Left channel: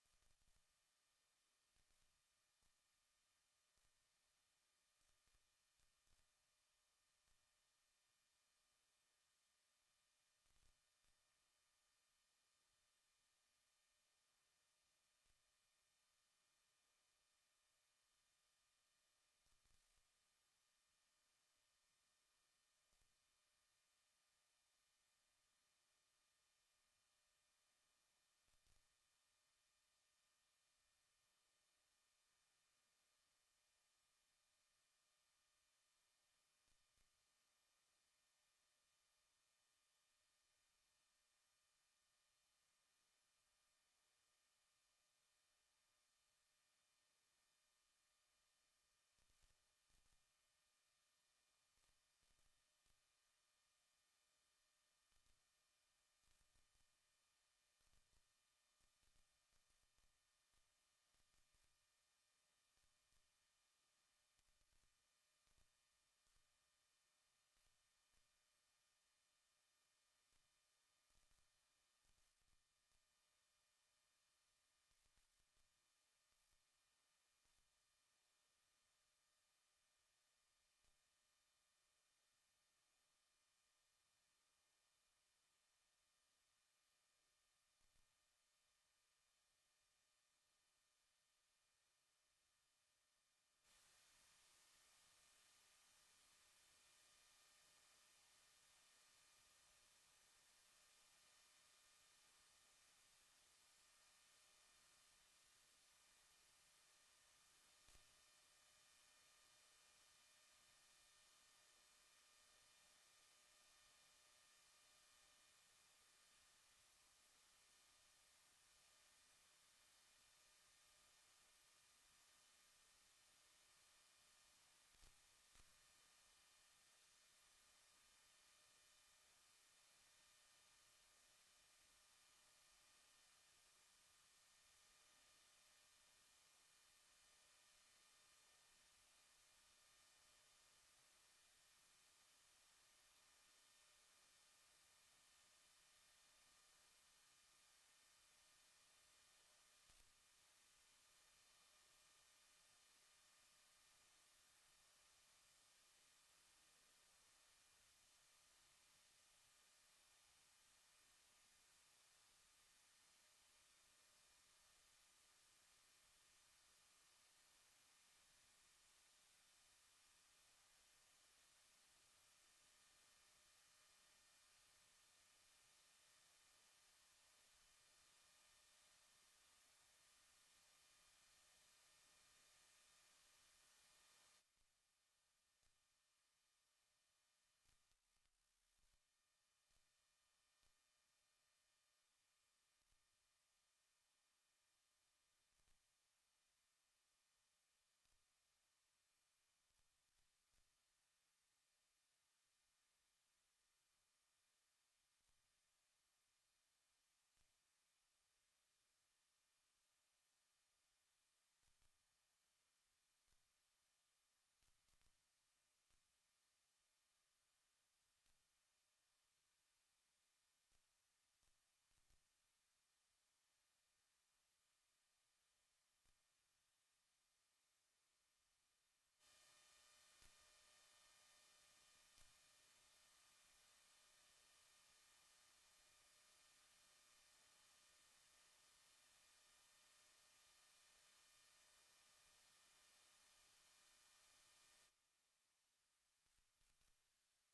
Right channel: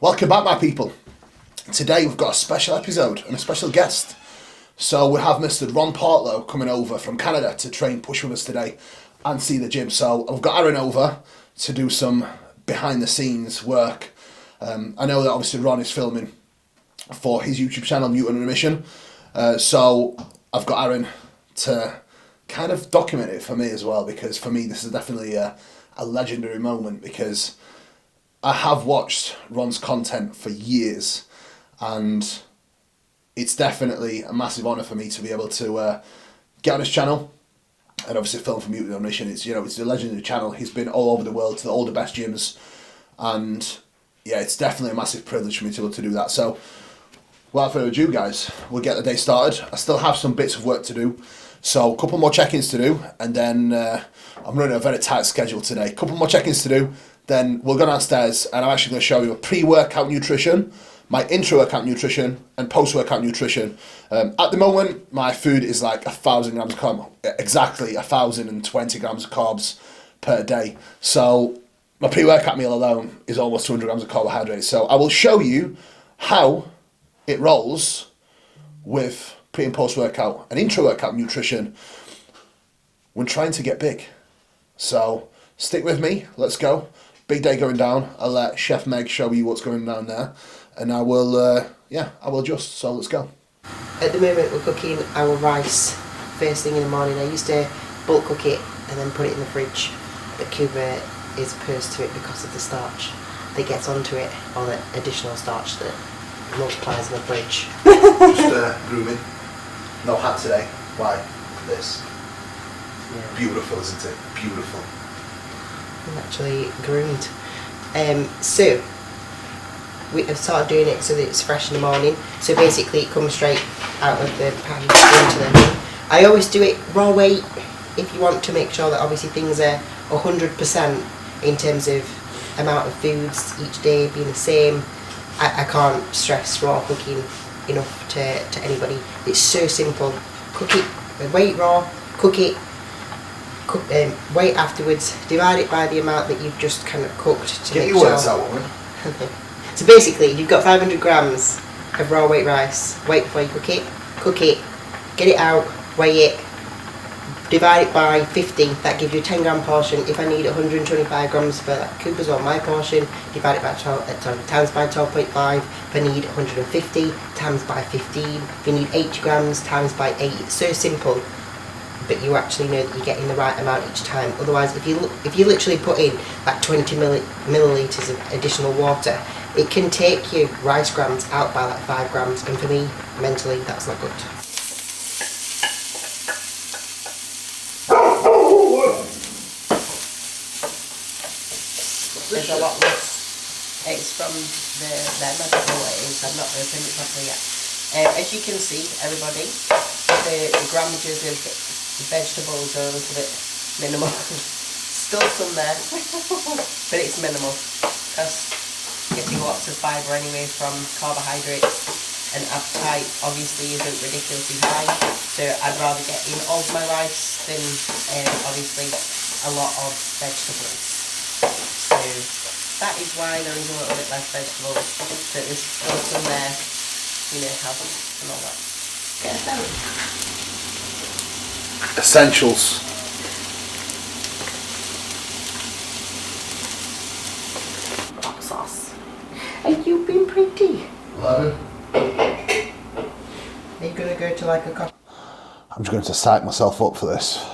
Welcome back, my people. Today we've got a special episode and a special guest. So we have Mr. Ron Partlow coming over from Canada to train push with us today and see the gym. So I've got Aaron over to do some behind the scenes work. I know that obviously Ron is filming for his YouTube channel, Newton on a Mission. So I've got Aaron to kind of document it for me as well, because for me this is definitely a legendary moment, because I have watched Ron's content for years, and it's definitely a massive honour for me to be able to get on his channel and obviously film from Newton on a Mission. It's a legendary channel. He's been all over the world to all the best gyms, and yeah, it's definitely a massive privilege for me to be able to do that. So without further ado, guys, we'll get the day started. I still have some bits of work to do, so a couple more check-ins to do, and then I'm running a very tight schedule today. A couple more check-ins to do, then we'll go downstairs and I'm actually going to show you a pre-workout nutrition, my intra-workout nutrition, and post-workout nutrition. At the moment, my food is like 1,000 grams of carbs, exactly 1,020 grams of carbs per day. So my pre-workout meal alone is almost 200 grams of carbohydrates. So I will show you how it rolls with pre and post-workout and intra-workout nutrition when trying to get big. So stick with me, let's go. Big day going down. I'll let Chef Meg show you what's going down there, and I will adjust, so let's go. At the moment we're cooking our rice first thing in the morning. I used to bulk cook it and then put it in the fridge, but Kuba is opposed to it because of the starch that gets onto it, or the additional starch that multiplies in the fridge. Just grooming. No hat today. Why? This. Yeah. Beautiful, isn't it? Beautiful. I'm actually groomed. So we have started doing it so that it's fresh in the morning. So basically it comes straight out of the pan into the thing. I always do it raw weight if you want to make sure that obviously things are 100% in terms of amount of foods each day being the same. I can't stress raw cooking enough to anybody. It's so simple. Cook it, weight raw, cook it, wait afterwards, divide it by the amount that you've just kind of cooked to get make your sure. words out, woman. So basically, you've got 500 grams of raw weight rice. Wait before you cook it, get it out, weigh it, divide it by 50. That gives you a 10 gram portion. If I need 125 grams for that Kuba's or my portion, divide it by 12, times by 12.5. If I need 150, times by 15. If you need 80 grams, times by 8. It's so simple, but you actually know that you're getting the right amount each time. Otherwise, if you literally put in like 20 millilitres of additional water, it can take your rice grams out by like 5 grams, and for me, mentally, that's not good. There's a lot less. It's from them, I don't know what it is, I've not opened it properly yet. As you can see, everybody, the grammages of the vegetables are a little bit minimal. Still some there, but it's minimal, because getting lots of fibre anyway from carbohydrates, and appetite obviously isn't ridiculously high, so I'd rather get in all of my rice than obviously a lot of vegetables. So that is why there is a little bit less vegetables, but there's still some there, health and all that. Get them. Essentials. Hot sauce. And you've been pretty. 11. Are you going to go to like a coffee? I'm just going to psych myself up for this.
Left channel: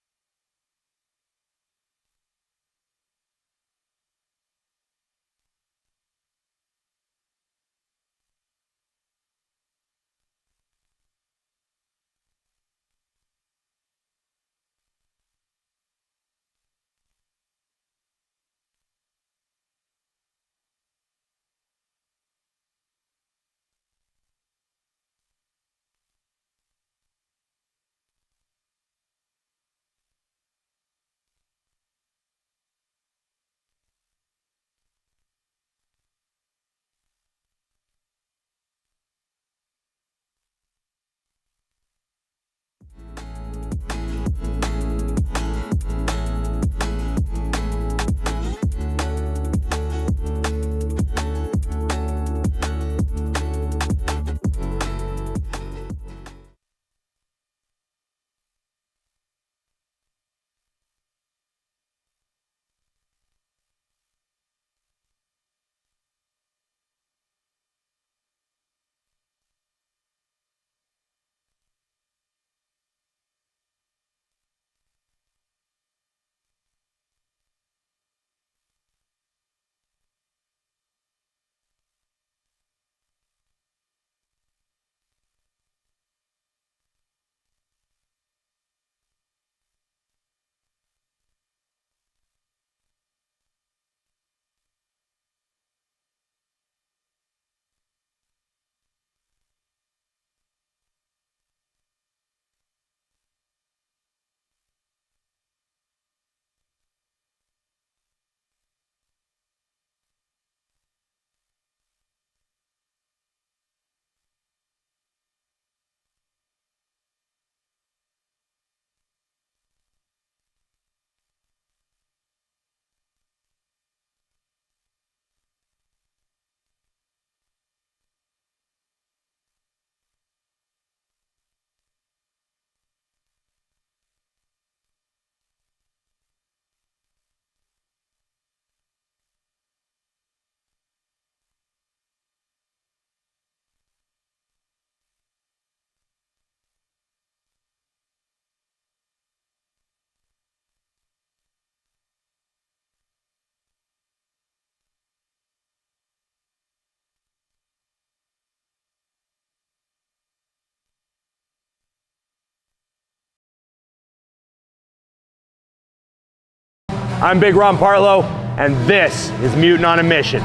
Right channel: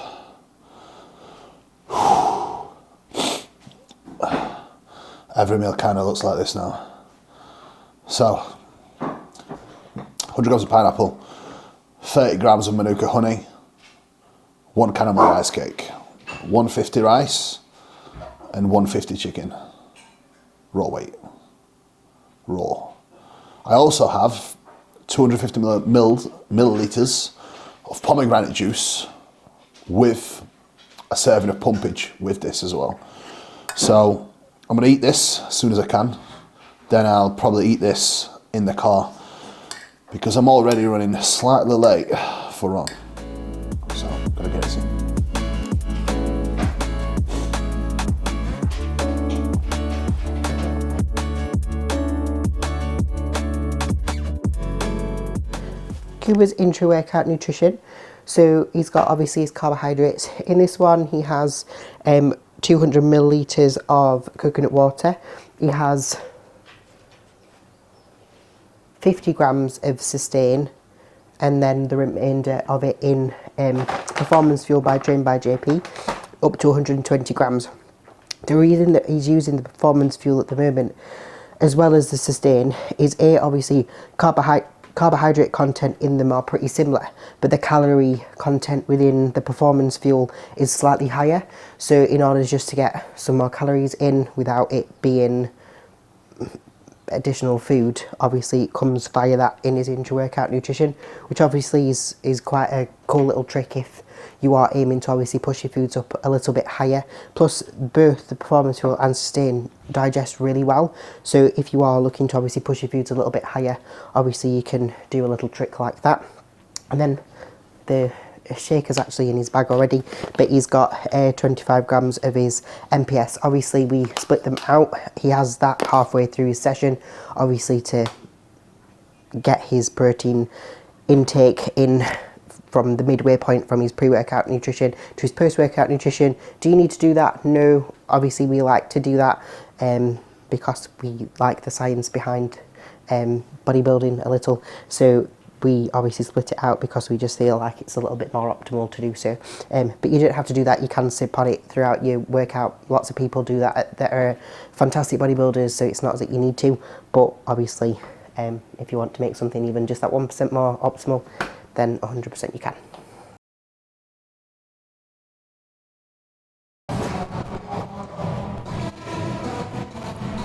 Every meal kind of looks like this now. So, 100 grams of pineapple, 30 grams of Manuka honey, 1 caramel rice cake, 150 rice, and 150 chicken. Raw weight. Raw. I also have 250 millilitres of pomegranate juice with a serving of pumpage with this as well. So I'm going to eat this as soon as I can. Then I'll probably eat this in the car because I'm already running slightly late for Ron. So I'm going to get some. Kuba's Intra workout nutrition. So he's got obviously his carbohydrates. In this one, he has 200 millilitres of coconut water. He has 50 grams of sustain, and then the remainder of it in Performance Fuel by Train by JP, up to 120 grams. The reason that he's using the Performance Fuel at the moment, as well as the sustain, is obviously carbohydrate content in them are pretty similar, but the calorie content within the Performance Fuel is slightly higher. So in order just to get some more calories in without it being additional food, obviously it comes via that in his intra-workout nutrition, which obviously is quite a cool little trick if you are aiming to obviously push your foods up a little bit higher. Plus both the Performance Fuel and sustain digest really well, so if you are looking to obviously push your foods a little bit higher, obviously you can do a little trick like that. And then the shaker's actually in his bag already, but he's got 25 grams of his MPS. Obviously we split them out. He has that halfway through his session, obviously to get his protein intake in from the midway point from his pre-workout nutrition to his post-workout nutrition. Do you need to do that? No. Obviously we like to do that because we like the science behind bodybuilding a little. So we obviously split it out because we just feel like it's a little bit more optimal to do so. But you don't have to do that. You can sip on it throughout your workout. Lots of people do that that are fantastic bodybuilders, so it's not that you need to. But obviously, if you want to make something even just that 1% more optimal, then 100% you can. I'm Big Ron Partlow, and this is Mutant on a Mission.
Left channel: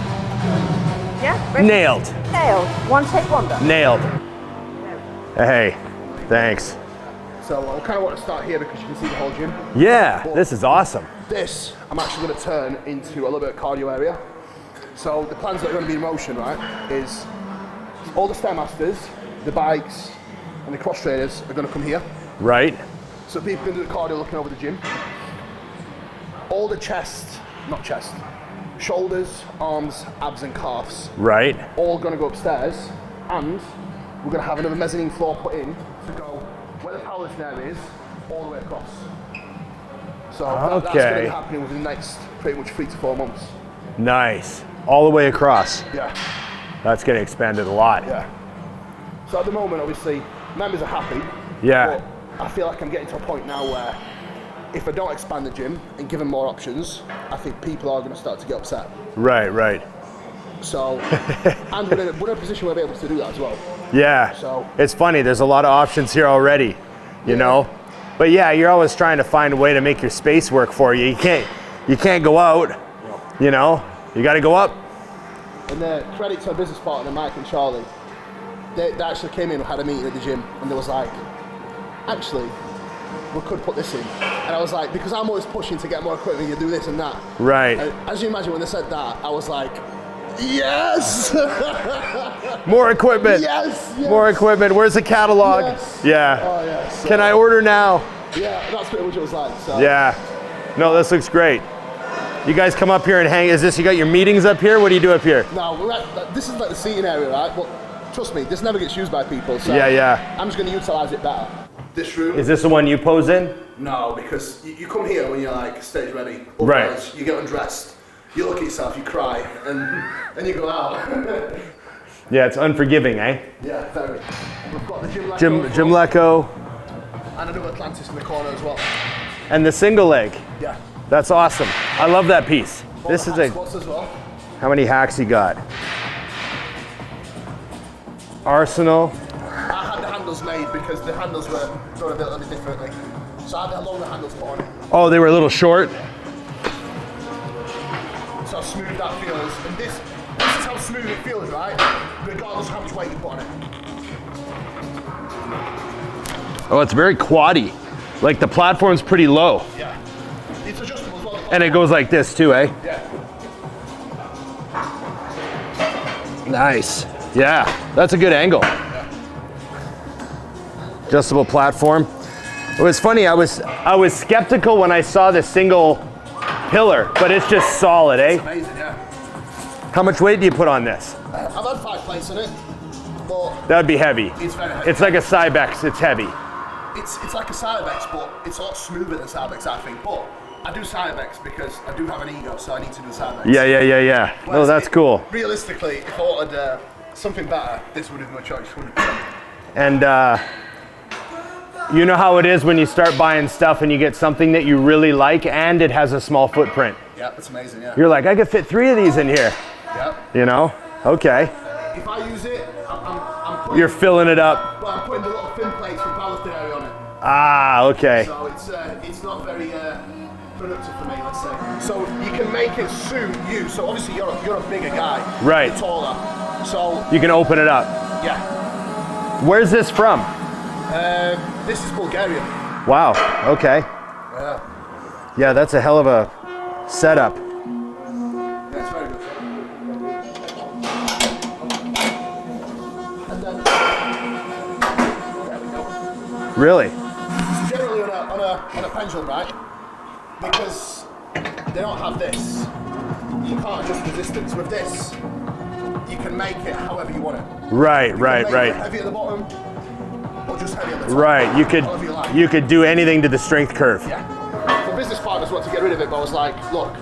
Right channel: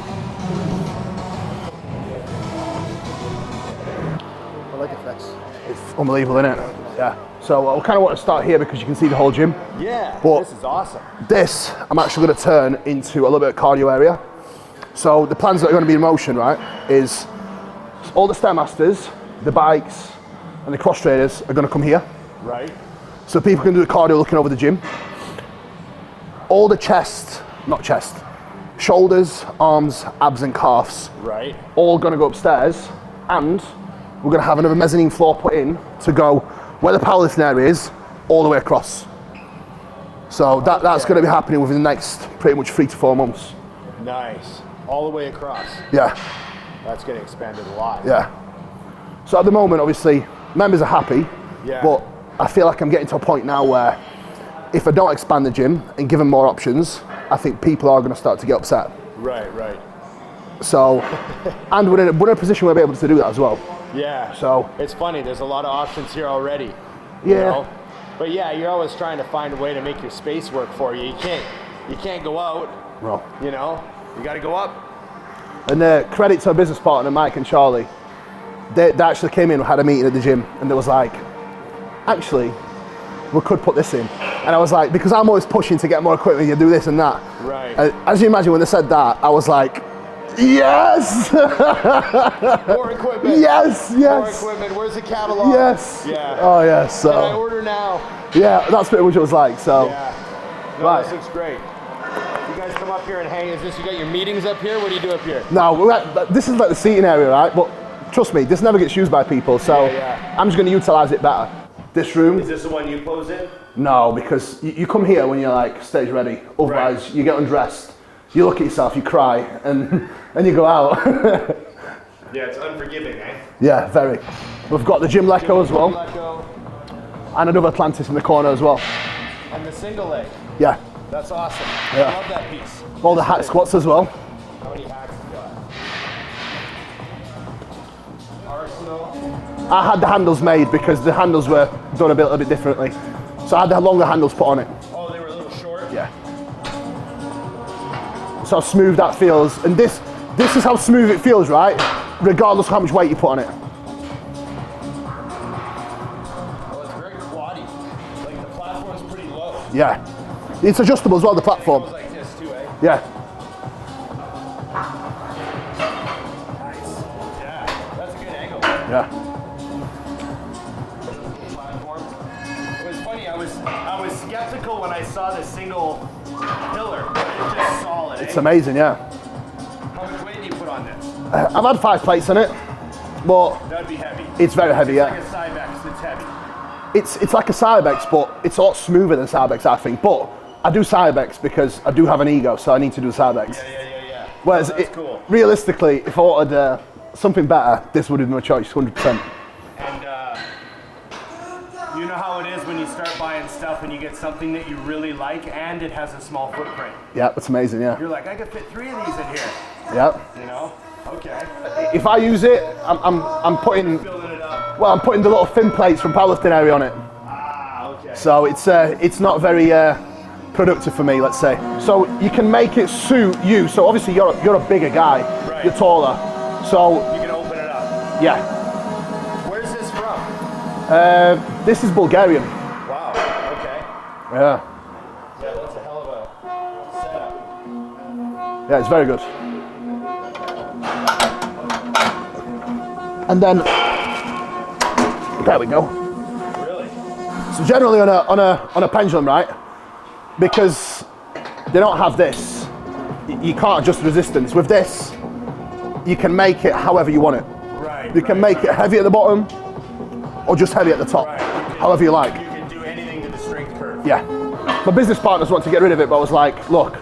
Yeah? Ready? Nailed. Nailed. One take wonder. Nailed. I like it, Flex. Hey. Unbelievable. Thanks. Isn't it? Yeah. So I kind of want to start here because you can see the whole gym. Yeah, But this is awesome. This, I'm actually going to turn into a little bit of cardio area. So the plans that are going to be in motion, right, is all the Stairmasters, the bikes, and the cross trainers are going to come here. Right. So people can do the cardio looking over the gym. All the shoulders, arms, abs and calves, Right. all going to go upstairs, and we're going to have another mezzanine floor put in to go where the powerlifting area is, all the way across. So that's Okay. going to be happening within the next pretty much 3 to 4 months. Nice. All the way across. Yeah, That's getting expanded a lot. yeah. So at the moment, obviously, members are happy, Yeah. but I feel like I'm getting to a point now where if I don't expand the gym and give them more options, I think people are going to start to get upset. Right, right. So, and we're in a position where we're able to do that as well. Yeah. So- it's funny, there's a lot of options here already, you Yeah. know? But yeah, you're always trying to find a way to make your space work for you. You can't go out, Well, you know? You gotta go up. and credit to our business partner, Mike and Charlie. They actually came in and had a meeting at the gym, and they was like, actually, we could put this in. And I was like, because I'm always pushing to get more equipment, you do this and that. Right. And as you imagine, when they said that, I was like, yes! More equipment. Yes, yes. More equipment. Where's the catalog? Yes. Yeah. Oh, yes. So, Can I order now? Yeah, that's pretty much what it was like. So. Yeah. No, Right. this looks great. You guys come up here and hang. Is this, you got your meetings up here? What do you do up here? No, this is like the seating area, right? But trust me, this never gets used by people. So Yeah. I'm just going to utilize it better. This room. Is this the one you pose in? No, because you come here when you're like stage ready. Otherwise, you get undressed, you look at yourself, you cry, and you go out. Yeah, it's unforgiving, eh? Yeah, very. We've got the gym Lecco as well. Jim Lecco. And another Atlantis in the corner as well. And the single leg. Yeah. That's awesome. I love that piece. All This the hat is a- squats as well. How many hacks you got? Arsenal. I had the handles made because the handles were done a little bit differently. So I had the longer handles put on it. Oh, they were a little short? Yeah. So how smooth that feels. And this is how smooth it feels, right? Regardless of how much weight you put on it. Oh, it's very quaddy. Like the platform's pretty low. Yeah. It's adjustable as well, the platform. And it goes like this too, eh? Yeah. Nice. Yeah, that's a good angle. Yeah. Adjustable platform. It was funny, I was skeptical when I saw the single pillar, but it's just solid, eh? It's amazing, yeah. How much weight do you put on this? I've had 5 plates on it. but That would be heavy. it's very heavy. It's yeah. like a Cybex, it's heavy. It's like a Cybex, but it's a lot smoother than Cybex, I think. But I do Cybex because I do have an ego, so I need to do Cybex. Yeah. Well, Whereas that's cool. Realistically, if I wanted something better, this would have been my choice, 100%. And you know how it is when you start buying stuff and you get something that you really like and it has a small footprint. Yeah, that's amazing, yeah. You're like, I could fit 3 of these in here, Yeah. you know? Okay. If I use it, I'm putting... You're filling it up. Well, I'm putting the little thin plates from powerlifting area on it. Ah, okay. So it's not very productive for me, let's say. So you can make it suit you. So obviously you're a bigger guy. Right. You're taller. So You can open it up. yeah. Where's this from? This is Bulgarian. Wow, okay. Yeah. Yeah, that's a hell of a setup. Yeah, it's very good. And then there we go. Really? So generally on a pendulum, right? Because they don't have this, you can't adjust resistance. With this, you can make it however you want it. Right, You can make right. it heavy at the bottom, or just heavy at the top. Right, you could. However you like. You could do anything to the strength curve. Yeah. My business partners want to get rid of it, but I was like, look,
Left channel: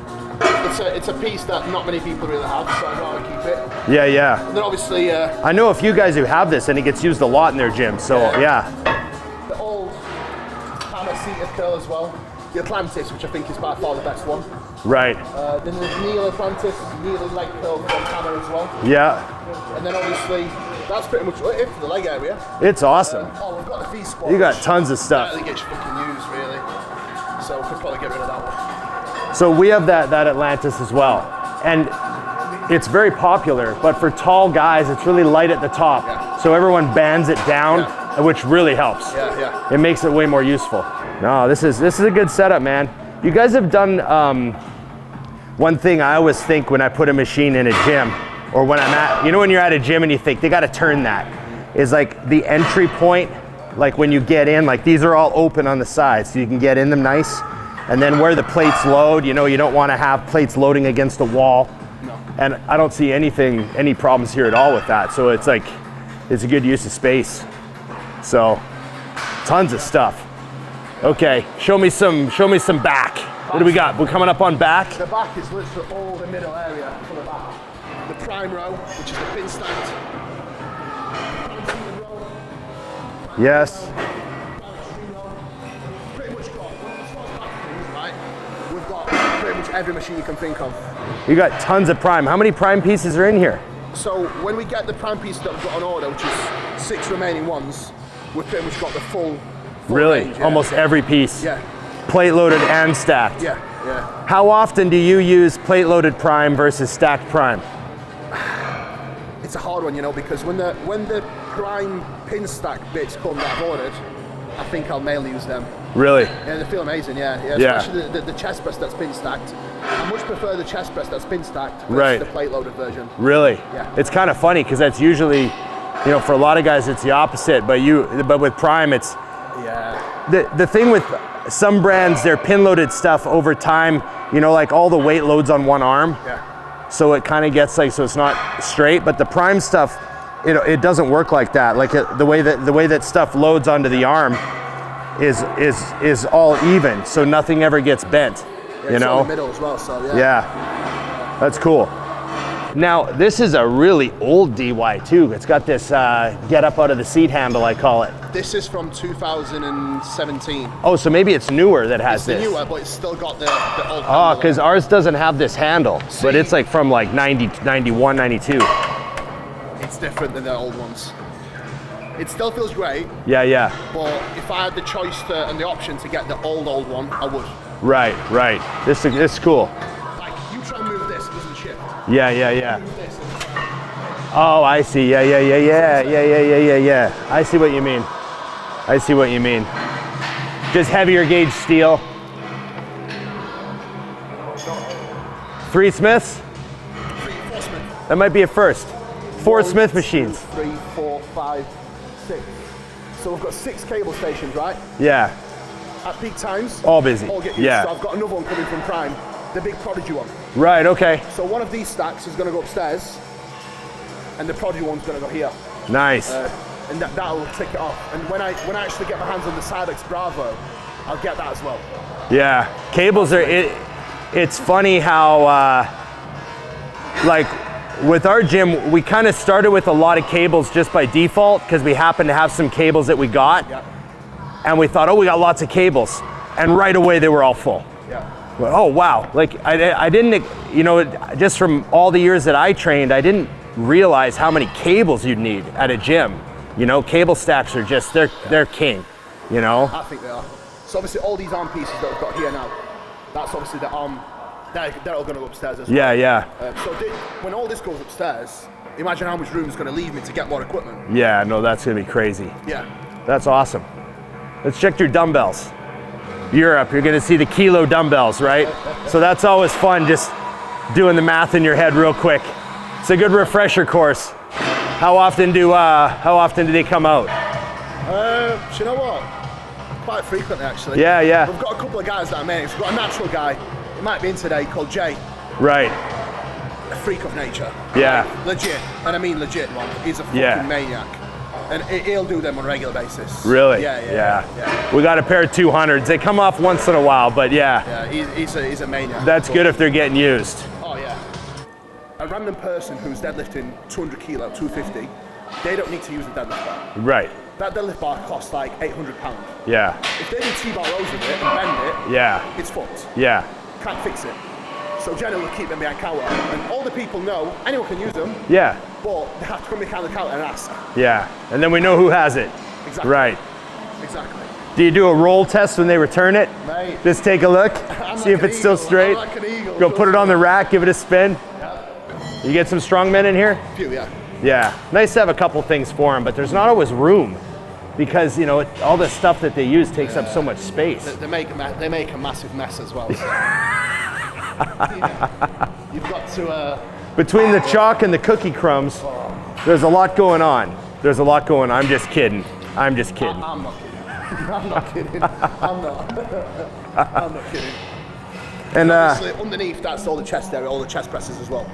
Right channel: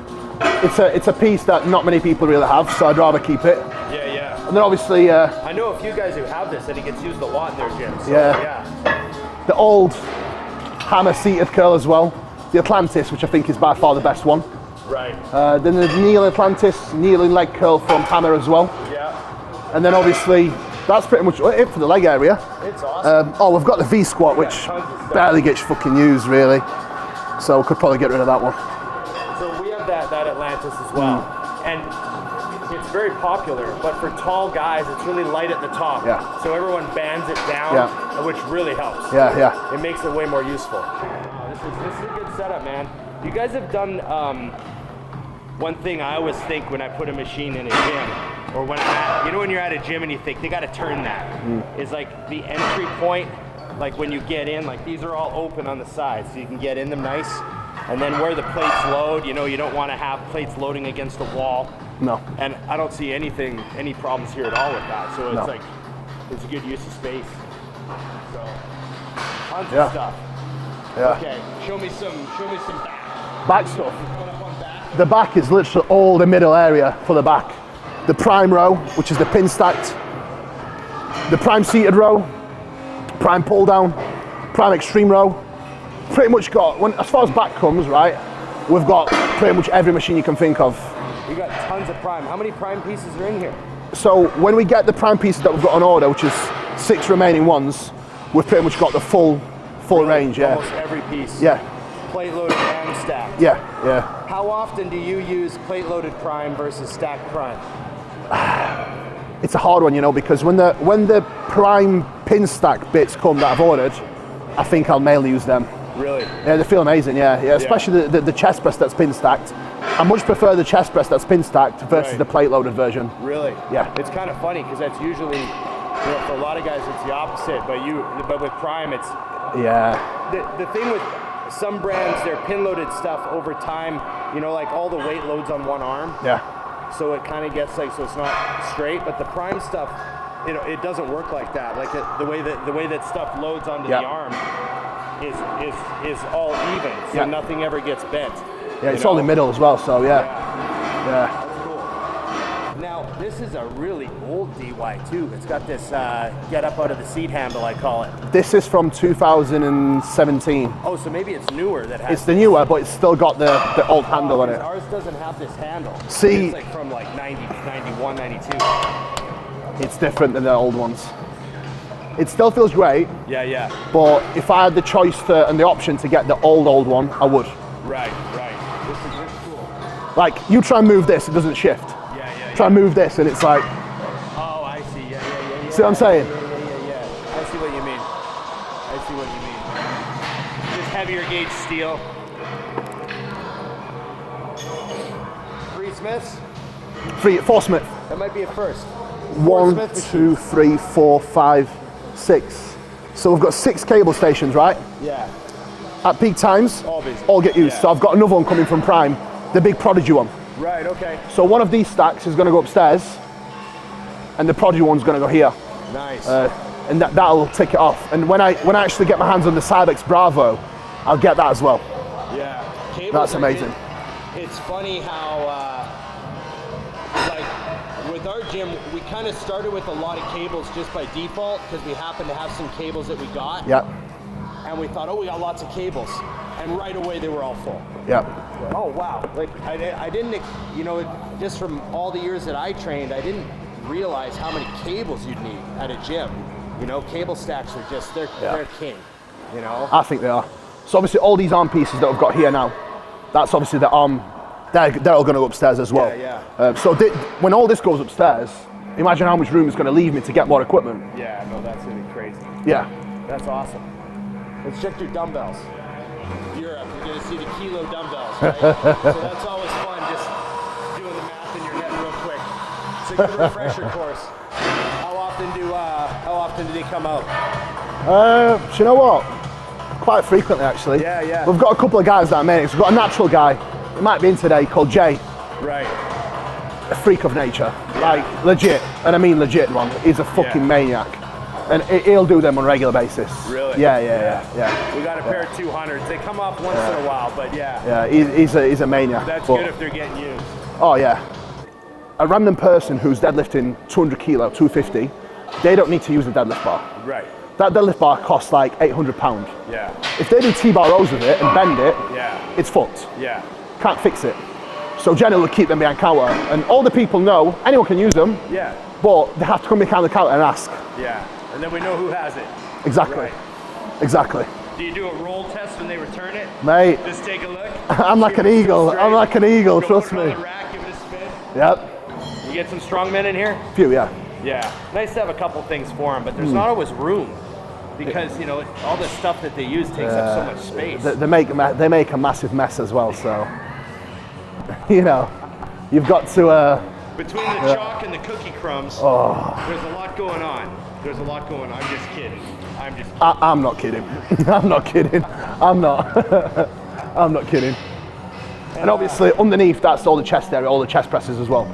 it's a piece that not many people really have, so I'd rather keep it. Yeah. And then obviously I know a few guys who have this, and it gets used a lot in their gym. So Yeah. yeah. the old hammer seated curl as well. The Atlantis, which I think is by far the best one. Right. Then the Neil Atlantis, kneeling leg curl from hammer as well. Yeah. And then obviously, that's pretty much it for the leg area. It's awesome. We've got the V squat, We got which tons of stuff. barely gets fucking used really. So we could probably get rid of that one. So we have that Atlantis as well, and it's very popular. But for tall guys, it's really light at the top. Yeah. So everyone bands it down, Yeah. which really helps. Yeah. It makes it way more useful. No, this is a good setup, man. You guys have done one thing I always think when I put a machine in a gym, or when I'm at, when you're at a gym and you think they got to turn that, is like the entry point. Like when you get in, like these are all open on the sides, so you can get in them nice. And then where the plates load, you don't want to have plates loading against the wall. No. And I don't see any problems here at all with that. So it's like, it's a good use of space. So, tons of stuff. Yeah. Okay, show me some back. What do we got? We're coming up on back. The back is literally all the middle area for the back. The prime row, which is the pin stacked. The prime seated row. Prime pull down. Prime extreme row. Pretty much got, as far as back comes, right, we've got pretty much every machine you can think of. You got tons of prime. How many prime pieces are in here? So when we get the prime pieces that we've got on order, which is 6 remaining ones, we've pretty much got the full range. Yeah. Almost every piece. Yeah. Plate loaded and stacked. Yeah. How often do you use plate loaded prime versus stacked prime? It's a hard one, because when the prime pin stack bits come that I've ordered, I think I'll mainly use them. Really? Yeah, they feel amazing, yeah. Especially the chest press that's pin stacked. I much prefer the chest press that's pin stacked versus the plate loaded version. Really? Yeah. It's kind of funny because that's usually, for a lot of guys it's the opposite, but with prime it's. Yeah. The thing with some brands, their pin loaded stuff over time, like all the weight loads on one arm. Yeah. So it kind of gets so it's not straight, but the prime stuff, it doesn't work like that. Like the way that stuff loads onto the arm is all even, so nothing ever gets bent. Yeah, it's on the middle as well, so yeah. Yeah, that's cool. Now, this is a really old DY too. It's got this get up out of the seat handle, I call it. This is from 2017. Oh, so maybe it's newer that has It's the newer, but it's still got the old handle. Oh, because ours doesn't have this handle, but it's like from like 90, 91, 92. It's different than the old ones. It still feels great. Yeah. But if I had the choice and the option to get the old one, I would. Right. This is cool. Like, you try and move this, it doesn't shift. Yeah. Try and move this, and it's like... Oh, I see. Yeah. See what I'm saying? Yeah. I see what you mean. Just heavier gauge steel. 3 Smiths? 4 Smith. That might be a first. 4 Smith machines. 2, 3, 4, 5, 6. So we've got 6 cable stations, right? Yeah. At peak times, all busy. All get used. Yeah. So I've got another one coming from Prime, the big Prodigy one. Right, okay. So one of these stacks is going to go upstairs, and the Prodigy one's going to go here. Nice. And that'll tick it off. And when I actually get my hands on the Silex Bravo, I'll get that as well. Yeah, cables That's are. amazing. It's funny how, like, with our gym, we kind of started with a lot of cables just by default because we happened to have some cables that we got. Yeah. And we thought, oh, we got lots of cables, and right away they were all full. Yeah. Oh wow! Like I didn't, you know, just from all the years that I trained, I didn't realize how many cables you'd need at a gym. You know, cable stacks are just they're king. You know. I think they are. So obviously all these arm pieces that we've got here now, that's obviously the arm. They're all going to go upstairs as well. Yeah. When all this goes upstairs, imagine how much room is going to leave me to get more equipment. Yeah, no, that's gonna be crazy. Yeah. That's awesome. Let's check your dumbbells. Europe, you're gonna see the kilo dumbbells, right? So that's always fun, just doing the math in your head real quick. It's a good refresher course. How often do they come out? Do you know what? Quite frequently, actually. Yeah. We've got a couple of guys that are mates. We've got a natural guy, he might be in today, called Jay. Right. A freak of nature. Yeah. Like, legit, and I mean legit one. He's a fucking maniac. And he'll do them on a regular basis. Really? Yeah. We got a pair of 200s. They come off once in a while, but yeah. Yeah, he's a maniac. That's good if they're getting used. Oh yeah. A random person who's deadlifting 200 kilo, 250, they don't need to use a deadlift bar. Right. That deadlift bar costs like £800. Yeah. If they do T-bar rows with it and bend it, Yeah. it's fucked. Yeah. Can't fix it. So Jenna will keep them behind counter, and all the people know anyone can use them, Yeah. but they have to come behind the counter and ask. Yeah. And then we know who has it. Exactly. Right. Exactly. Do you do a roll test when they return it? Mate, Just take a look. I'm see like if an it's still eagle. straight. I'm like an eagle. Go put trust it on me. the rack, give it a spin. Yep. You get some strong men in here? Few, yeah. Yeah. Nice to have a couple things for them, but there's not always room because, you know, all the stuff that they use takes up so much space. They make a massive mess as well, so you know, you've got to. Between the chalk and the cookie crumbs, there's a lot going on. There's a lot going on. I'm just kidding. I'm just kidding. I'm not kidding. I'm not kidding. I'm not. I'm not kidding. And obviously underneath that's all the chest area, all the chest presses as well.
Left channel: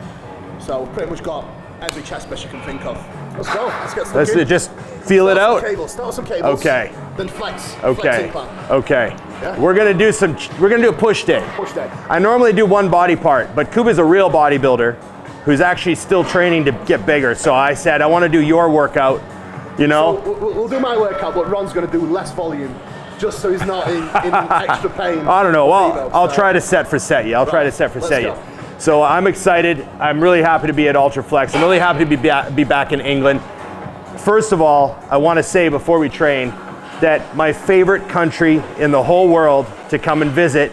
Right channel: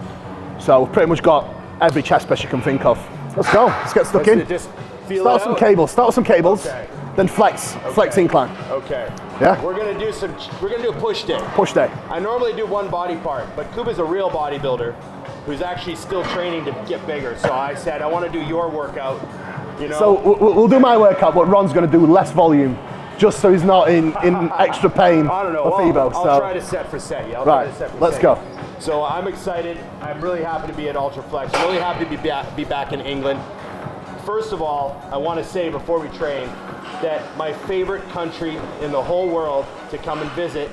So we've pretty much got every chest press you can think of. Let's go. Let's get stuck in. Just feel it out. Start with some cables. Okay. Then flex incline. Okay. Yeah. We're gonna do a push day. Push day. I normally do one body part, but Kuba's a real bodybuilder who's actually still training to get bigger. So I said I want to do your workout. You know. So we'll do my workout, but Ron's going to do less volume, just so he's not in extra pain. I don't know. Well, I'll try to set for set you. Let's go. So I'm excited. I'm really happy to be at Ultraflex. I'm really happy to be back in England. First of all, I want to say before we train that my favorite country in the whole world to come and visit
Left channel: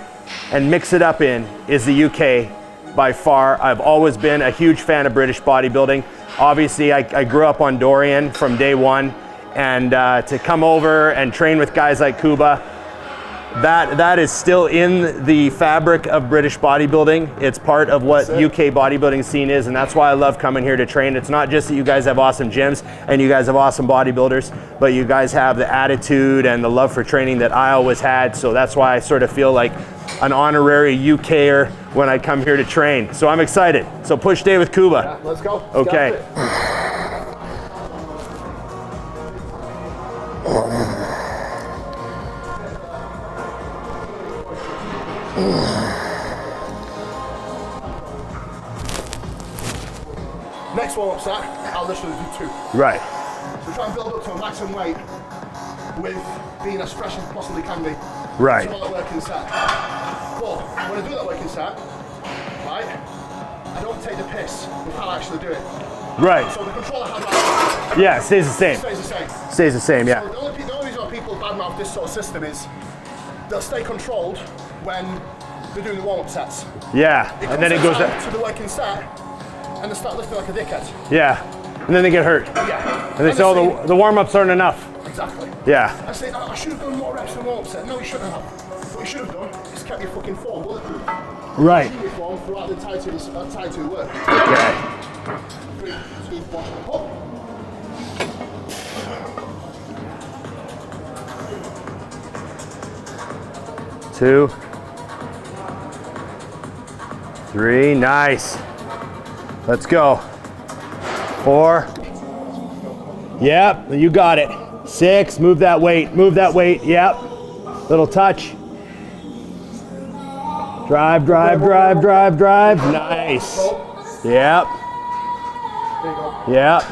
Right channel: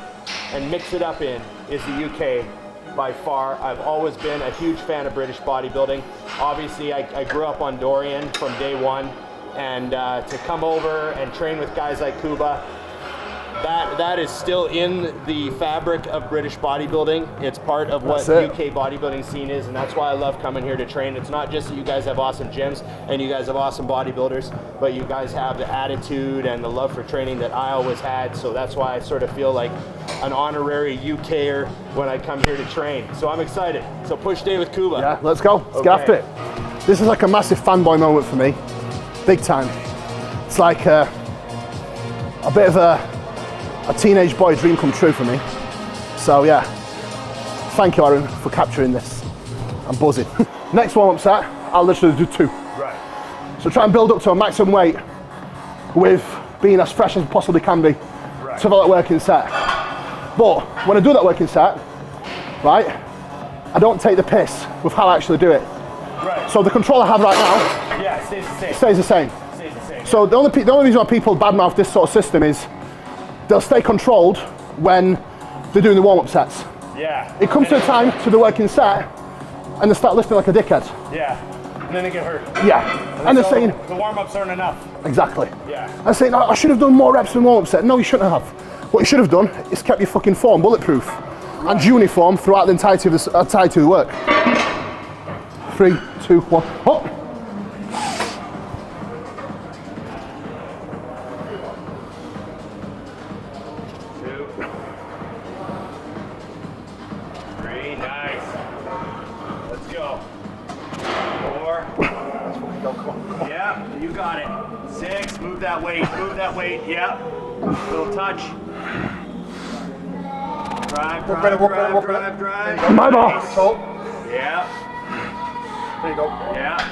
and mix it up in is the UK by far. I've always been a huge fan of British bodybuilding. Obviously, I grew up on Dorian from day one, and to come over and train with guys like Kuba, that is still in the fabric of British bodybuilding. It's part of what UK bodybuilding scene is, and that's why I love coming here to train. It's not just that you guys have awesome gyms and you guys have awesome bodybuilders, but you guys have the attitude and the love for training that I always had, so that's why I sort of feel like an honorary UKer when I come here to train. So I'm excited. So push day with Kuba. Yeah, let's go. Let's get after it. This is like a massive fanboy moment for me. Big time. It's like a bit of a teenage boy dream come true for me. So yeah, thank you Aaron for capturing this. I'm buzzing. Next warm-up set, I'll literally do 2. Right. So try and build up to a maximum weight with being as fresh as possibly can be. Right. To have that working set. But when I do that working set, right, I don't take the piss with how I actually do it. Right. So the control I have right now, yeah, stays the same. Stays the same. Stays the same. Yeah. So the only reason why people badmouth this sort of system is they'll stay controlled when they're doing the warm-up sets. Yeah. It comes to the time to the working set, and they start lifting like a dickhead. Yeah. And then they get hurt. Yeah. And they say, the warm-ups aren't enough. Exactly. Yeah. I say, I should have done more reps in the warm-up set. No, you shouldn't have. What you should have done is kept your fucking form bulletproof. Right. And uniform throughout the entirety of the work. Okay. 3, 2, 1, hop. Two, 3, nice. Let's go. 4, go, come on. Yep, you got it. 6, move that weight, yep. Little touch. Drive. Nice. Yep. There you go. Yep.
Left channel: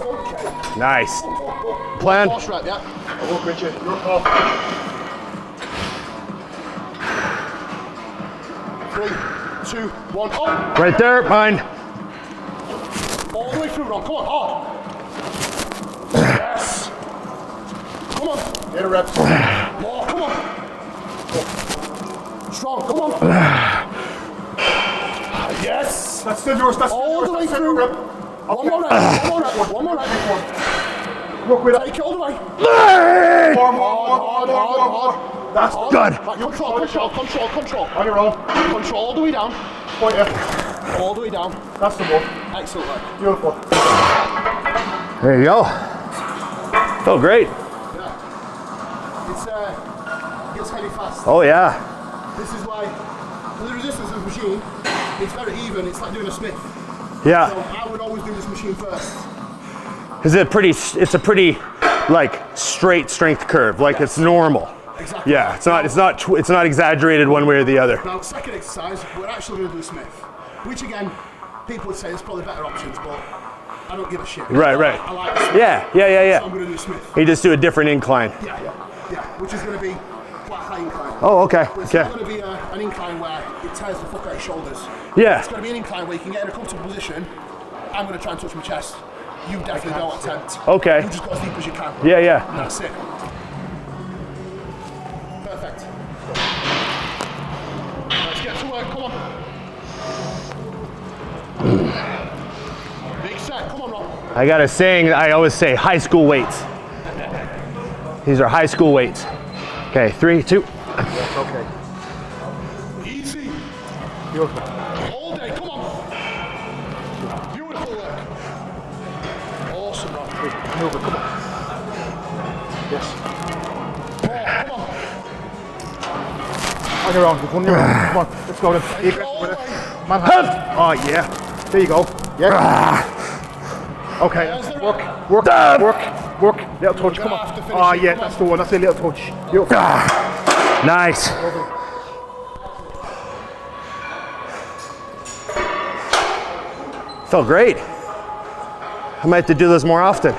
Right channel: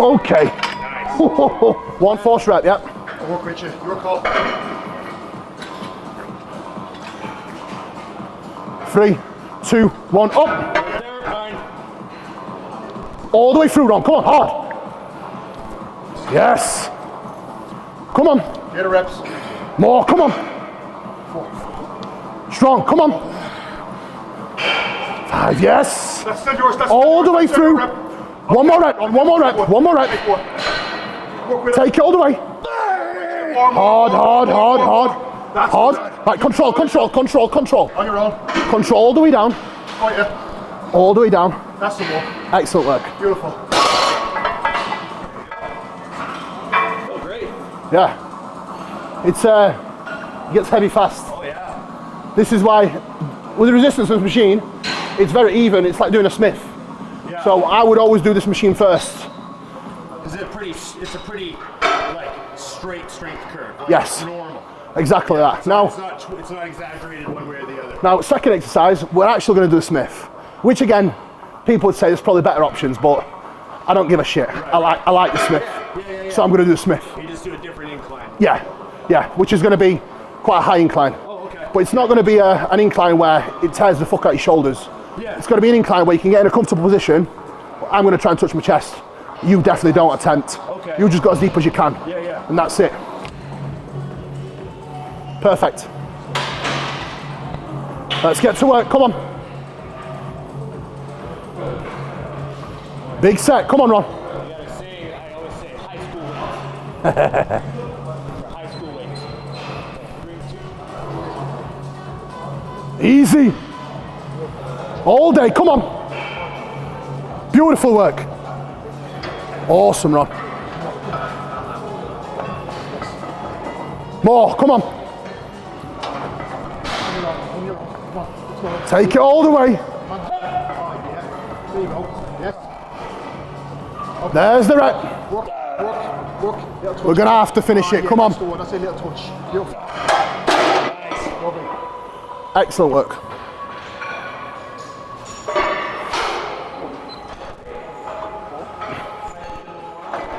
Okay. Nice. One force rep, yeah. I'll work with you. Your call. 3, 2, 1, up. Right there, mine. All the way through, Ron. Come on, hard. Yes. Come on. Get a reps. More, come on. Strong, come on. Yes. That's still yours. That's All the way through. One more rep. Work with Take it all the way. Hard. That's Hard. good. Right, control. On your own. Control all the way down. Got you. All the way down. That's the one. Excellent work. Beautiful. There you go. Felt great. Yeah. It's it gets heavy fast. Oh yeah. This is why, with the resistance of this machine, it's very even. It's like doing a Smith. Yeah. So I would always do this machine first. Is it pretty? It's a pretty, like, straight strength curve. Like Yes. it's normal. Exactly Yeah. that. It's not exaggerated one way or the other. Now, second exercise, we're actually going to do a Smith, which again, people would say there's probably better options, but I don't give a shit. Right. I like the Smith. Yeah. So I'm going to do the Smith. You just do a different incline. Yeah, which is going to be quite a high incline. Oh, okay. But it's not going to be an incline where it tears the fuck out your shoulders. Yeah. It's going to be an incline where you can get in a comfortable position. I'm going to try and touch my chest. You definitely don't attempt. Okay. You just go as deep as you can. Yeah. And that's it. Perfect. Let's get to work, come on. Big set, come on, Ron. I got a saying I always say, high school weights. These are high school weights. Okay, 3, 2. Okay. Easy. All day, come on. Beautiful work. Awesome, Ron. More, come on. On your own. Come on. Let's go. Take it all the way. Oh, yeah. There you go. Yeah. Okay. There's the rep. Work. Little touch. We're gonna have to finish it, Yeah, come on. that's the one. That's a little touch. Beautiful. Nice. Excellent work. Felt great. I might have to do this more often.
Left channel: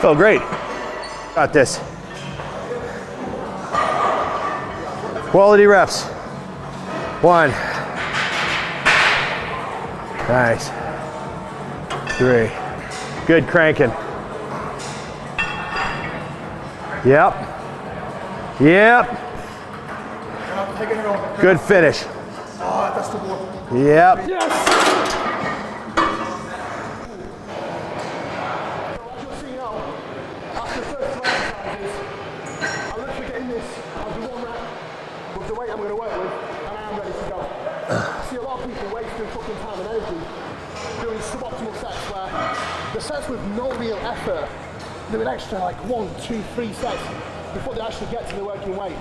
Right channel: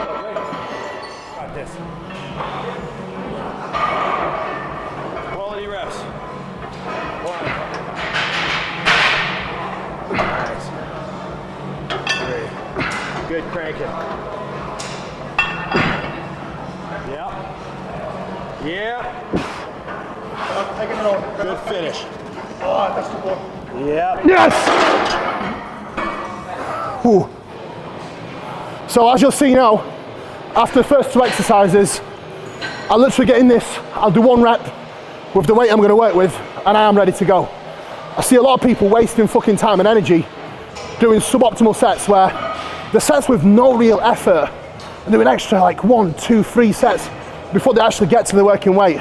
Felt great. Got this. Quality reps. 1. Nice. 3. Good cranking. Yep. Taking it over. Good finish. Oh, that's the one. Yep. Yes! Ooh. So as you'll see now, after the first 2 exercises, I'll literally get in this, I'll do 1 rep with the weight I'm going to work with, and I am ready to go. I see a lot of people wasting fucking time and energy doing suboptimal sets where the sets with no real effort and doing extra like 1, 2, 3 sets before they actually get to the working weight.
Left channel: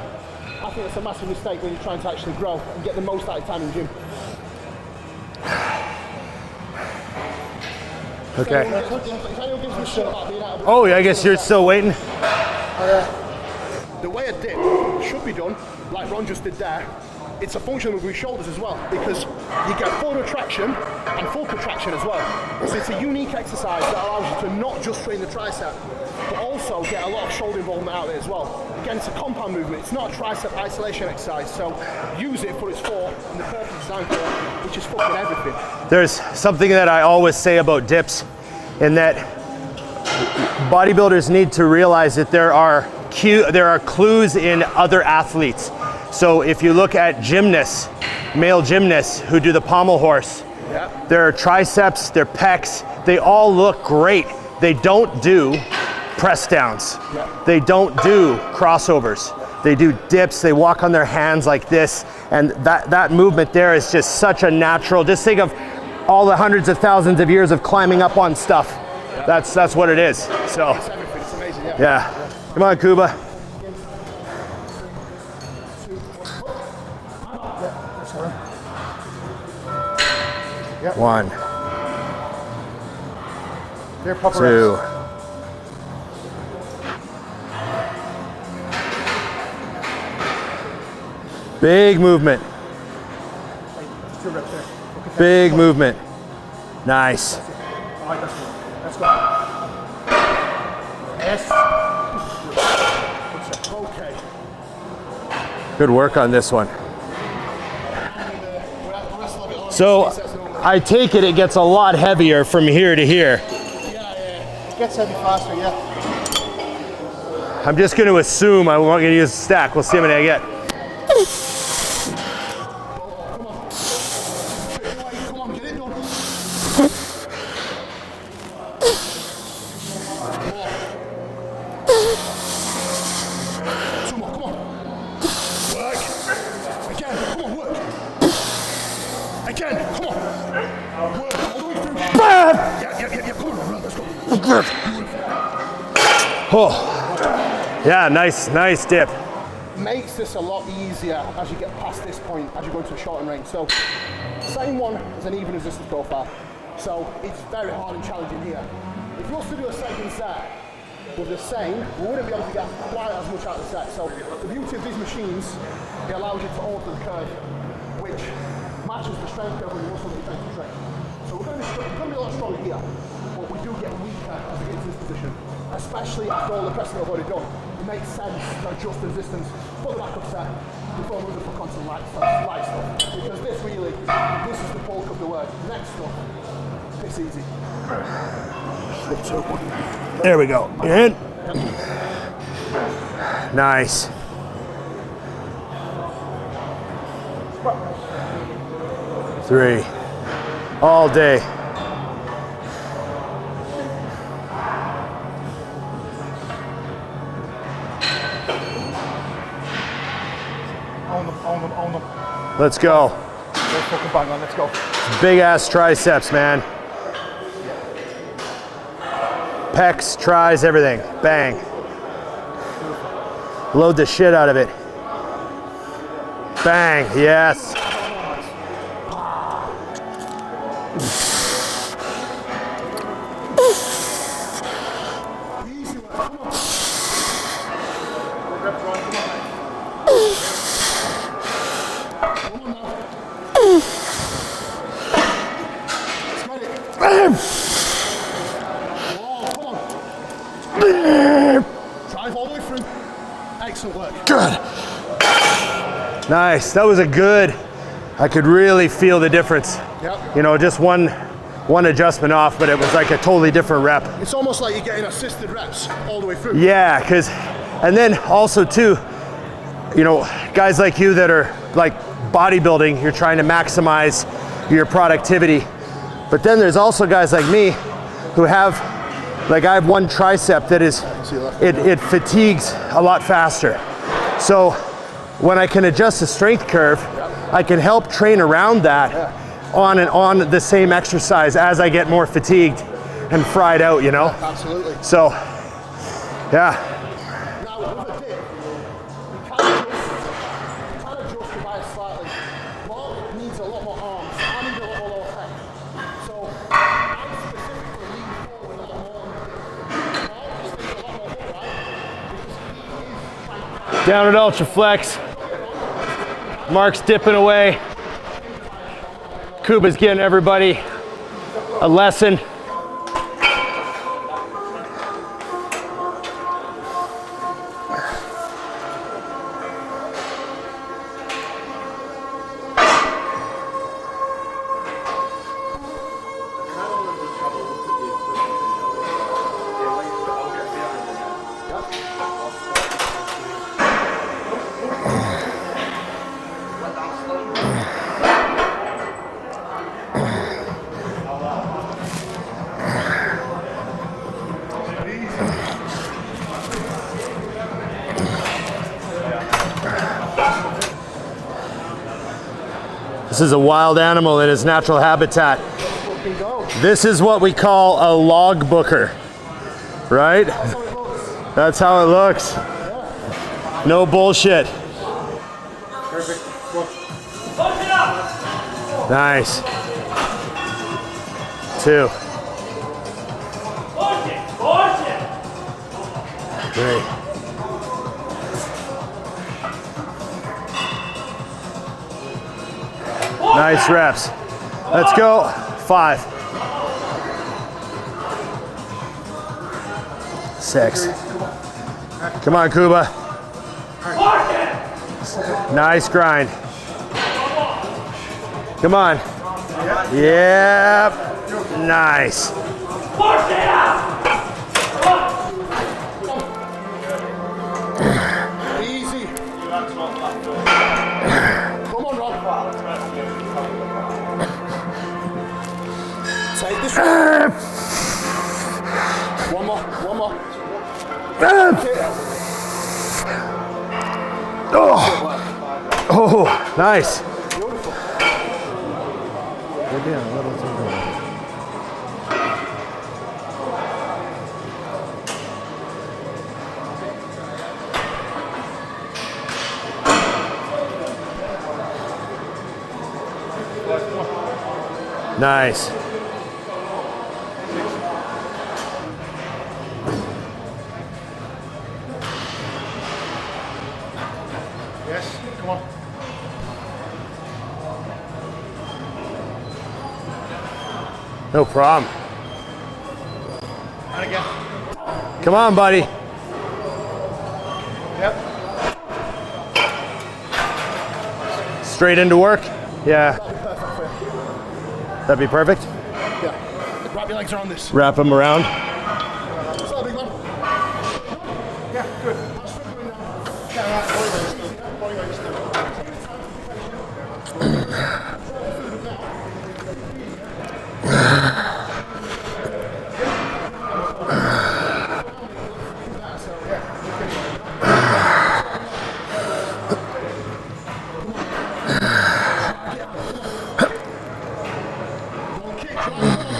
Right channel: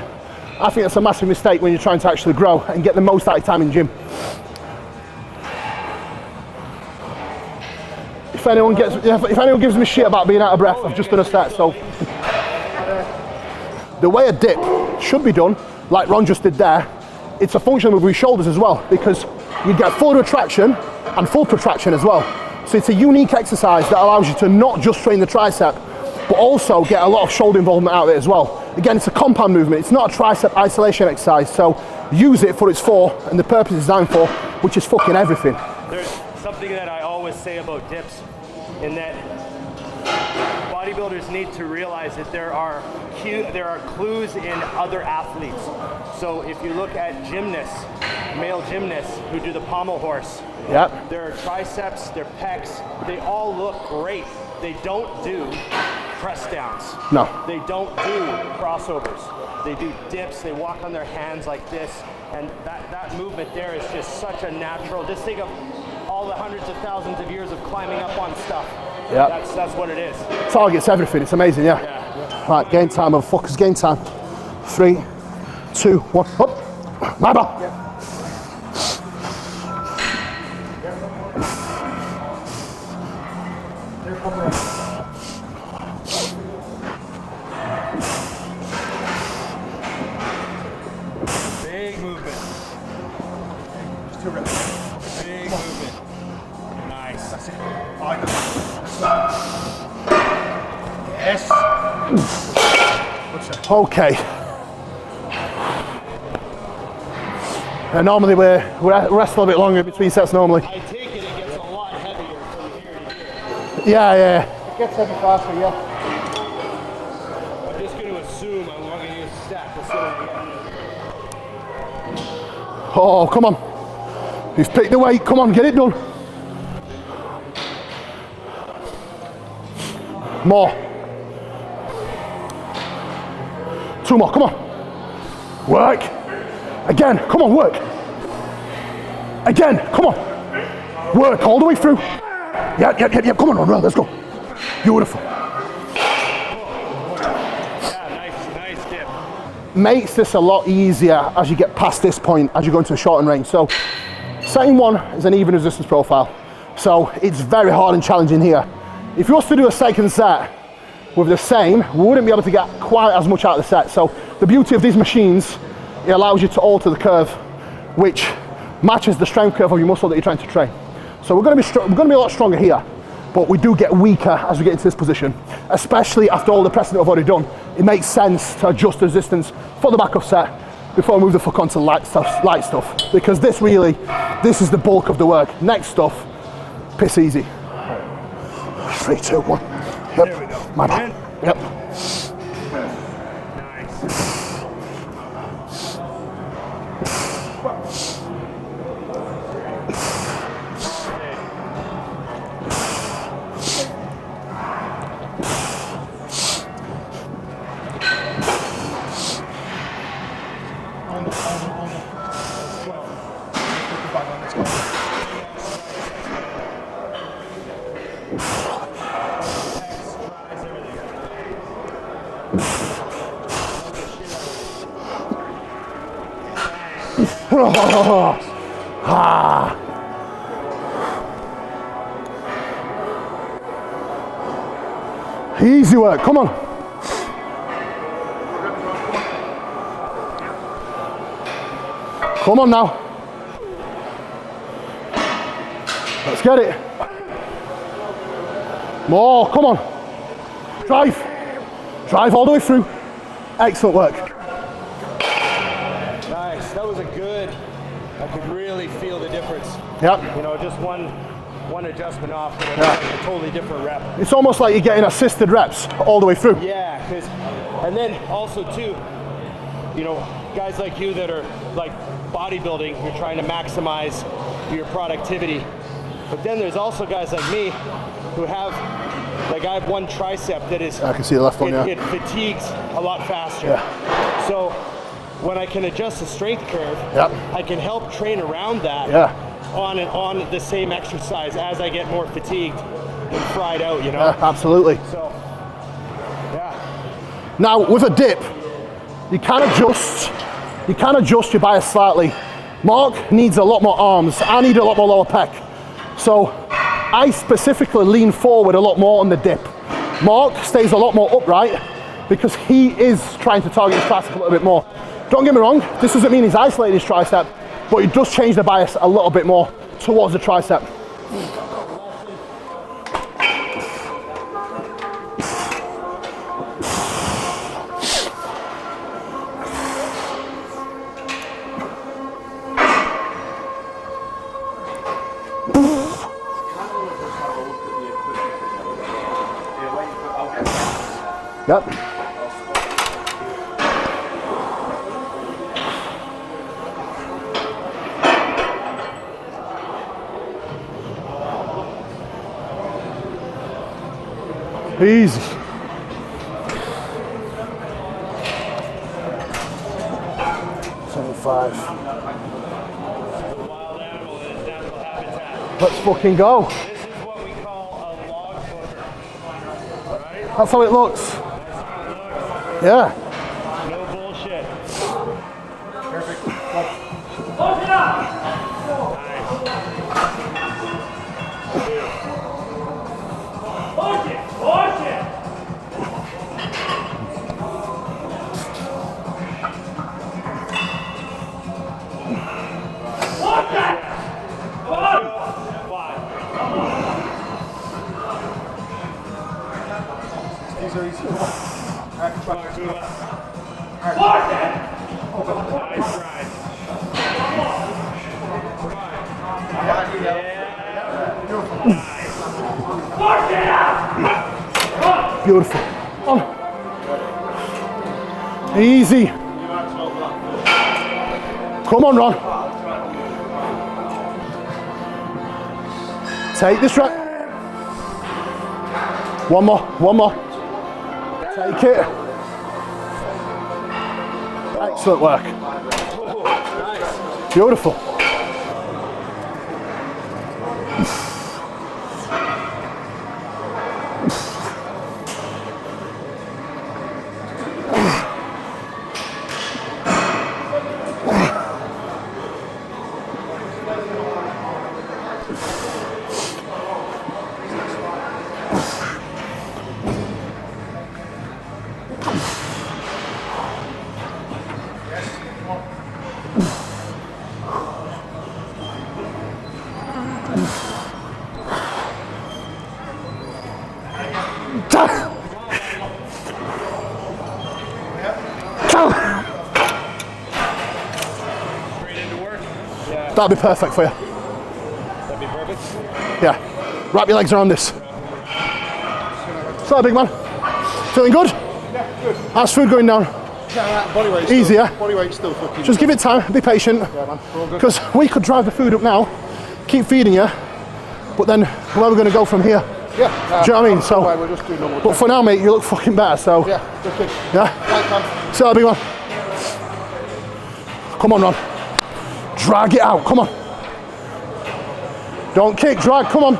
I think that's a massive mistake when you're trying to actually grow and get the most out of your time in gym. If anyone gives me shit about being out of breath, Oh, I'm I just guess gonna you're set, still so waiting. The way a dip should be done, like Ron just did there, it's a function of your shoulders as well, because you get full retraction and full protraction as well. So it's a unique exercise that allows you to not just train the tricep, but also get a lot of shoulder involvement out of it as well. Again, it's a compound movement, it's not a tricep isolation exercise, so use it for its for and the purpose it's designed for, which is fucking everything. There's something that I always say about dips, in that bodybuilders need to realize that there are clues in other athletes. So if you look at gymnasts, male gymnasts who do the pommel horse, Yep. their triceps, their pecs, they all look great. They don't do press downs. No. They don't do crossovers. They do dips, they walk on their hands like this, and that movement there is just such a natural, just think of all the hundreds of thousands of years of climbing up on stuff. Yeah. That's what it is. Targets everything, it's amazing, yeah. Yeah. Right, Come on, game Kuba. time, motherfuckers, game time. 3, 2, 1, up. My ball. 1. They're proper. 2. Big movement. Big movement. Nice. Yes. Okay. Good work on this one. And normally we rest a little bit longer in between sets normally. I take it gets a lot heavier from here to here. Yeah. It gets heavy faster, yeah. I'm just going to assume I'm not going to use a stack. We'll see how many I get. Oh, come on. You've picked the weight. Come on, get it done. More. 2 more, come on. Work. Again, come on, work. Again, come on. Work all the way through. Bam! Yeah. Come on, let's go. Beautiful. Oh. Yeah, nice dip. Makes this a lot easier as you get past this point, as you go into a shortened range. So, setting 1 is an even resistance profile. So, it's very hard and challenging here. If you was to do a second set with the same, we wouldn't be able to get quite as much out of the set. So, the beauty of these machines, it allows you to alter the curve, which matches the strength curve of your muscle that you're trying to train. So, we're going to be a lot stronger here, but we do get weaker as we get into this position, especially after all the pressing that I've already done. It makes sense to adjust the resistance for the back of set before I move the fuck onto light stuff, because this is the bulk of the work. Next stuff, piss easy. 3, 2, 1. Yep. There we go. My In. Yep. Nice. Three. All day. Let's go. Let's go. Big ass triceps, man. Pecs, tries, everything. Bang. Load the shit out of it. Bang. Yes. Easy work, come on. Come on now. Let's get it. More, come on. Drive all the way through. Excellent work. Good. Nice. That was a good. I could really feel the difference. Yep. You know, just one adjustment off, but it was like a totally different rep. It's almost like you're getting assisted reps all the way through. Yeah, and then also too, you know, guys like you that are like bodybuilding, you're trying to maximize your productivity. But then there's also guys like me who have, like I have one tricep that is, I can see the left one, it fatigues a lot faster. Yeah. So when I can adjust the strength curve, Yep. I can help train around that on the same exercise as I get more fatigued and fried out, you know? Yeah, absolutely. So, yeah. Now with a dip, you can adjust your bias slightly. Mark needs a lot more arms. I need a lot more lower pec. So I specifically lean forward a lot more on the dip. Mark stays a lot more upright because he is trying to target the Down at Ultraflex. Ultraflex. Don't get me wrong, this doesn't mean he's isolating Mark's his dipping tricep, away. but he does change the bias a little bit more. Kuba's giving towards the everybody tricep. a lesson. Yep. Easy. This is a wild animal in its natural habitat. Let's fucking go. This is what we call a log booker, right? That's how it looks. That's how it looks. Yeah. No bullshit. Nice. 2. Great. Nice reps. Let's go. 5. 6. Come on, Kuba. Nice grind. Come on. Yep. Nice. Beautiful. Easy. Come on, Ron. Take this rep. One more. Okay. Excellent work. Oh, nice. Beautiful. Nice. No problem. Come on, buddy. Straight into work? Yeah. That'll be perfect for you. That'd be perfect. Yeah. Wrap your legs around this. Wrap them around. What's that, big man? Feeling good? Yeah, good. How's food going down? Body weight Easy, yeah? Body weight still cooking. Just give it time, be patient. Because we could drive the food up now, keep feeding you, but then where are we going to go from here? Yeah. Do you know what I mean? So, but for now, mate, you look fucking better, so. Yeah, okay. Yeah? So, big man. Come on, Ron. Drag it out, come on. Don't kick, drag, come on.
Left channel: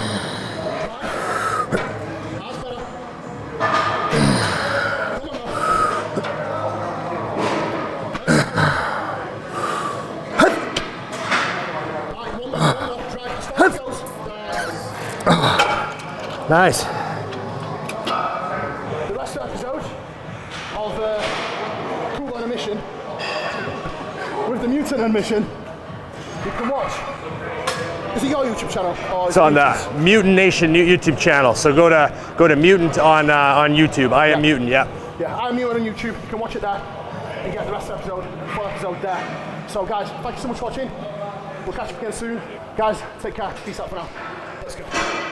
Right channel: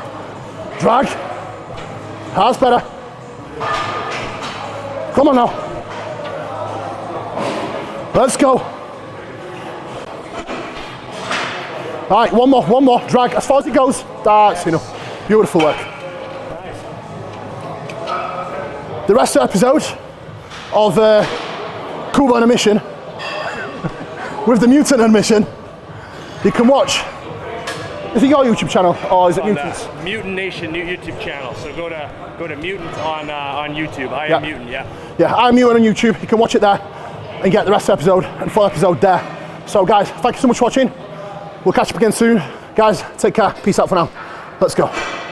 Drag. That's better. Come on now. Let's go. All right, one more. Drag as far as it goes. That's enough. Beautiful work. Nice. The rest of the episode of Kuba on a mission with the mutant on a mission, you can watch. Is it your YouTube channel or is it On the Mutant's? Mutant Nation YouTube channel. So go to Mutant on YouTube. I am Mutant. Yeah. Yeah, I'm Mutant on YouTube. You can watch it there and get the rest of the episode and full episode there. So guys, thank you so much for watching. We'll catch up again soon. Guys, take care. Peace out for now. Let's go.